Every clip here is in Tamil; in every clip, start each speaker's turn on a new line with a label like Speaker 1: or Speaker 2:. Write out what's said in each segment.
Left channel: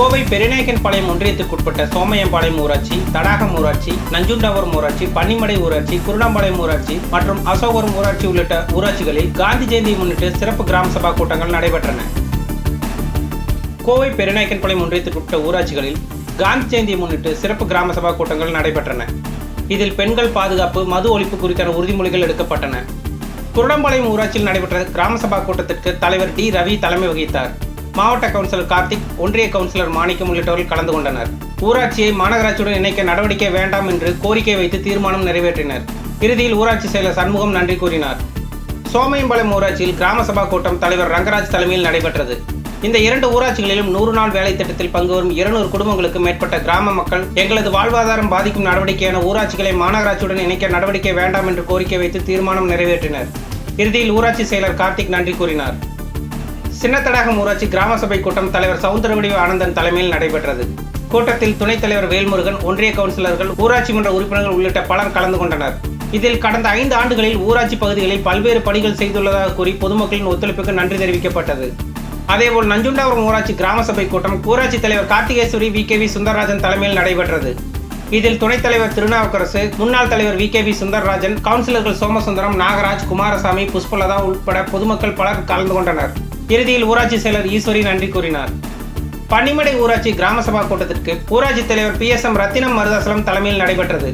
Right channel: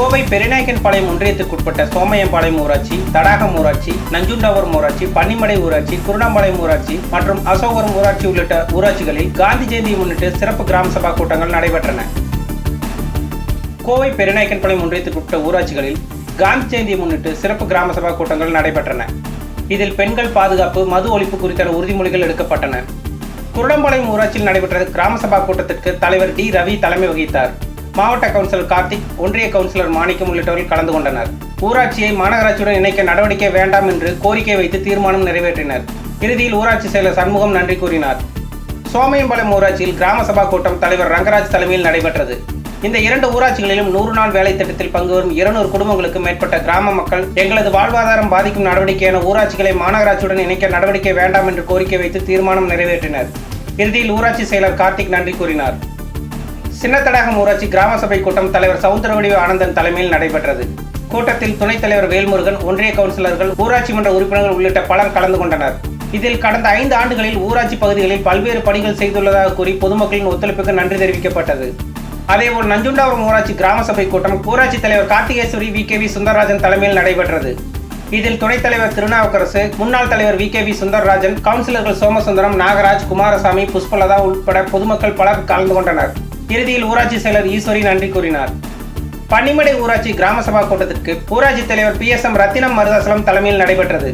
Speaker 1: கோவை பெருநாயக்கன்பாளையம் ஒன்றியத்துக்குட்பட்ட சோமையம்பாளையம் ஊராட்சி தடாகம் ஊராட்சி நஞ்சுண்டாவரம் ஊராட்சி பன்னிமடை ஊராட்சி குருணாம்பாளையம் ஊராட்சி மற்றும் அசோகரம் ஊராட்சி உள்ளிட்ட ஊராட்சிகளில் காந்தி ஜெயந்தியை முன்னிட்டு சிறப்பு கிராம சபா கூட்டங்கள் நடைபெற்றன. கோவை பெருநாயக்கன்பாளையம் ஒன்றியத்துக்குட்பட்ட ஊராட்சிகளில் காந்தி ஜெயந்தியை முன்னிட்டு சிறப்பு கிராம சபா கூட்டங்கள் நடைபெற்றன. இதில் பெண்கள் பாதுகாப்பு மது ஒழிப்பு குறித்தான உறுதிமொழிகள் எடுக்கப்பட்டன. குருடம்பாளையம் ஊராட்சியில் நடைபெற்ற கிராம சபா கூட்டத்திற்கு தலைவர் டி. ரவி தலைமை வகித்தார். மாவட்ட கவுன்சிலர் கார்த்திக் ஒன்றிய கவுன்சிலர் மாணிக்கம் உள்ளிட்டவர்கள் கலந்து கொண்டனர். ஊராட்சியை மாநகராட்சியுடன் இணைக்க நடவடிக்கை வேண்டாம் என்று கோரிக்கை வைத்து தீர்மானம் நிறைவேற்றினர். இறுதியில் ஊராட்சி செயலர் சண்முகம் நன்றி கூறினார். சோமையம்பாளையம் ஊராட்சியில் கிராம சபா கூட்டம் தலைவர் ரங்கராஜ் தலைமையில் நடைபெற்றது. இந்த இரண்டு ஊராட்சிகளிலும் நூறு நாள் வேலை திட்டத்தில் பங்கு வரும் இருநூறு குடும்பங்களுக்கு மேற்பட்ட கிராம மக்கள் எங்களது வாழ்வாதாரம் பாதிக்கும் நடவடிக்கையான ஊராட்சிகளை மாநகராட்சியுடன் இணைக்க நடவடிக்கை வேண்டாம் என்று கோரிக்கை வைத்து தீர்மானம் நிறைவேற்றினர். இறுதியில் ஊராட்சி செயலர் கார்த்திக் நன்றி கூறினார். சின்னத்தடாகம் ஊராட்சி கிராம சபை கூட்டம் தலைவர் சவுந்தரவடிவு ஆனந்தன் தலைமையில் நடைபெற்றது. கூட்டத்தில் துணைத் தலைவர் வேல்முருகன் ஒன்றிய கவுன்சிலர்கள் ஊராட்சி மன்ற உறுப்பினர்கள் உள்ளிட்ட பலர் கலந்து கொண்டனர். இதில் கடந்த ஐந்து ஆண்டுகளில் ஊராட்சி பகுதிகளில் பல்வேறு பணிகள் செய்துள்ளதாக கூறி பொதுமக்களின் ஒத்துழைப்புக்கு நன்றி தெரிவிக்கப்பட்டது. அதேபோல் நஞ்சுண்டாபுரம் ஊராட்சி கிராம சபை கூட்டம் ஊராட்சி தலைவர் Karthikeswari V. K. V. Sundararajan தலைமையில் நடைபெற்றது. இதில் துணைத் தலைவர் திருநாவுக்கரசு முன்னாள் தலைவர் வி. கே. வி. சுந்தரராஜன் கவுன்சிலர்கள் சோமசுந்தரம் நாகராஜ் குமாரசாமி புஷ்பலதா உட்பட பொதுமக்கள் பலர் கலந்து கொண்டனர். இறுதியில் ஊராட்சி செயலர் ஈஸ்வரி நன்றி கூறினார். பன்னிமடை ஊராட்சி கிராம சபா கூட்டத்திற்கு ஊராட்சி தலைவர் P S M Rathinam Maruthachalam தலைமையில் நடைபெற்றது.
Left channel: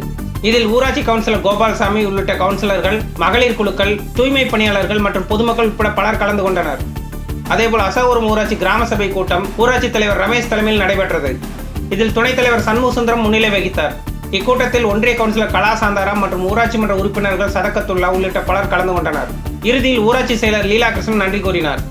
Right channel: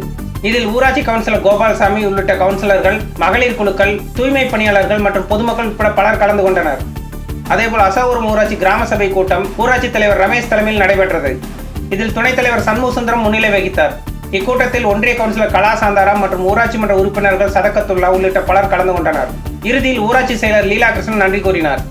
Speaker 1: இதில் ஊராட்சி கவுன்சிலர் கோபாலசாமி உள்ளிட்ட கவுன்சிலர்கள் மகளிர் குழுக்கள் தூய்மை பணியாளர்கள் மற்றும் பொதுமக்கள் உட்பட பலர் கலந்து கொண்டனர். அதேபோல் அசோகரம் ஊராட்சி கிராம சபை கூட்டம் ஊராட்சி தலைவர் ரமேஷ் தலைமையில் நடைபெற்றது. இதில் துணைத் தலைவர் சண்முகசுந்தரம் முன்னிலை வகித்தார். இக்கூட்டத்தில் ஒன்றிய கவுன்சிலர் கலா சாந்தாராம் மற்றும் ஊராட்சி மன்ற உறுப்பினர்கள் சதக்கத்துல்லா உள்ளிட்ட பலர் கலந்து கொண்டனர். இறுதியில் ஊராட்சி செயலர் லீலா கிருஷ்ணன் நன்றி கூறினார்.